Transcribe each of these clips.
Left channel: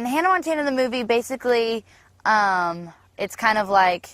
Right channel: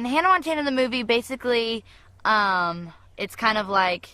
in Hannah Montana the movie, basically, it's kind of like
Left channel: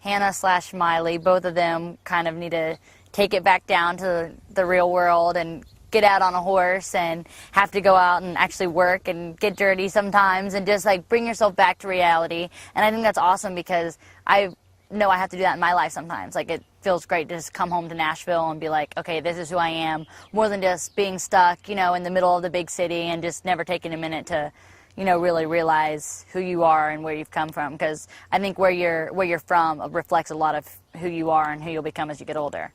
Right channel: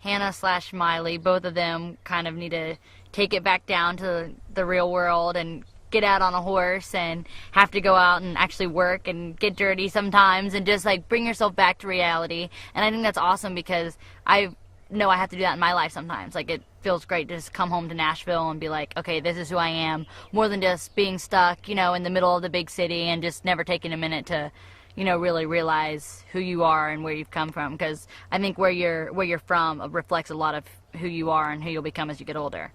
Hannah slash Miley. Both of them kind of need to take it back down to the real world and get out on a horse and have to go out and actually work and get dirty sometimes and just like bring yourself back to reality. And I think that's awesome because I know I have to do that in my life sometimes. Like, it feels great to just come home to Nashville and be like, okay, this is who I am, more than just being stuck, you know, in the middle of the big city and just never taking a minute to, you know, really realize who you are and where you've come from. Because I think where you're from reflects a lot of who you are and who you'll become as you get older.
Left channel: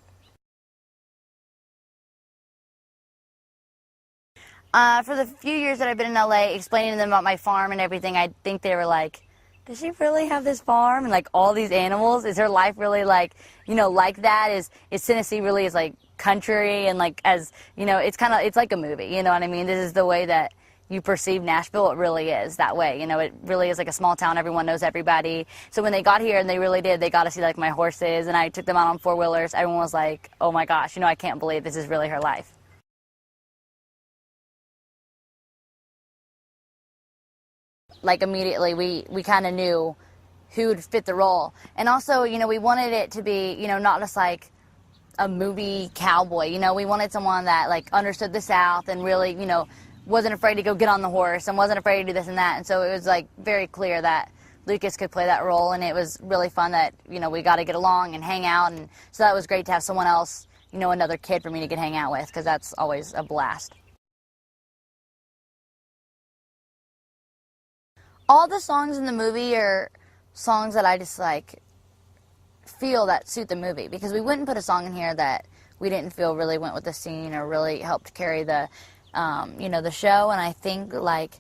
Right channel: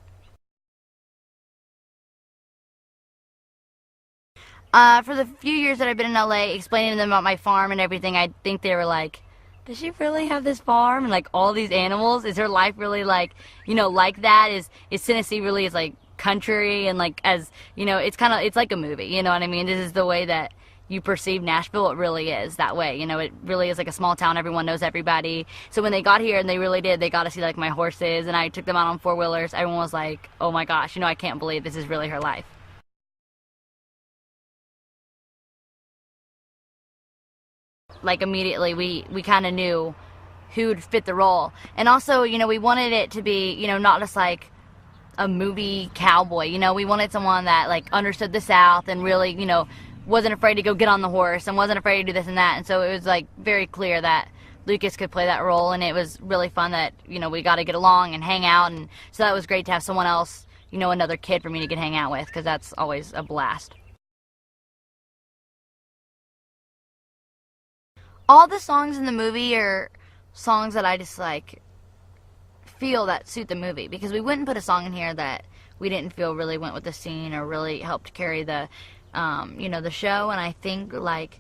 For the few years that I've been in LA, explaining to them about my farm and everything, I think they were like, does she really have this farm and like all these animals? Is her life really like, you know, like that? Is Tennessee really is like country and like, as, you know, it's like a movie, you know what I mean? This is the way that you perceive Nashville. It really is that way. You know, it really is like a small town. Everyone knows everybody. So when they got here, and they really did, they got to see like my horses, and I took them out on four-wheelers. Everyone was like, oh my gosh, you know, I can't believe this is really her life. Like, immediately we kind of knew who'd fit the role. And also, you know, we wanted it to be, you know, not just like a movie cowboy. You know, we wanted someone that like understood the South and really, you know, wasn't afraid to go get on the horse and wasn't afraid to do this and that. And so it was like very clear that Lucas could play that role, and it was really fun that, you know, we got to get along and hang out. And so that was great to have someone else, you know, another kid for me to get hang out with, because that's always a blast. All the songs in the movie are songs that I just like feel that suit the movie, because we wouldn't put a song in here that we didn't feel really went with the scene or really helped carry the you know, the show. And I think like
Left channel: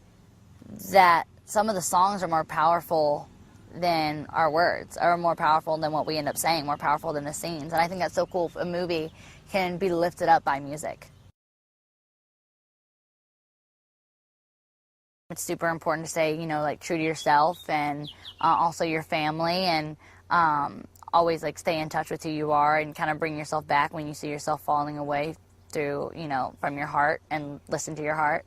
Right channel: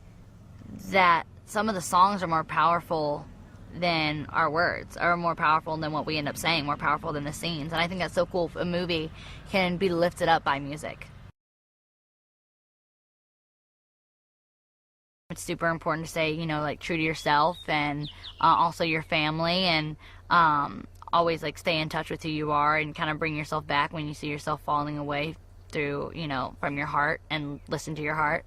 that some of the songs are more powerful than our words, are more powerful than what we end up saying, more powerful than the scenes. And I think that's so cool if a movie can be lifted up by music. It's super important to stay, you know, like true to yourself, and also your family, and always like stay in touch with who you are and kind of bring yourself back when you see yourself falling away through, you know, from your heart, and listen to your heart.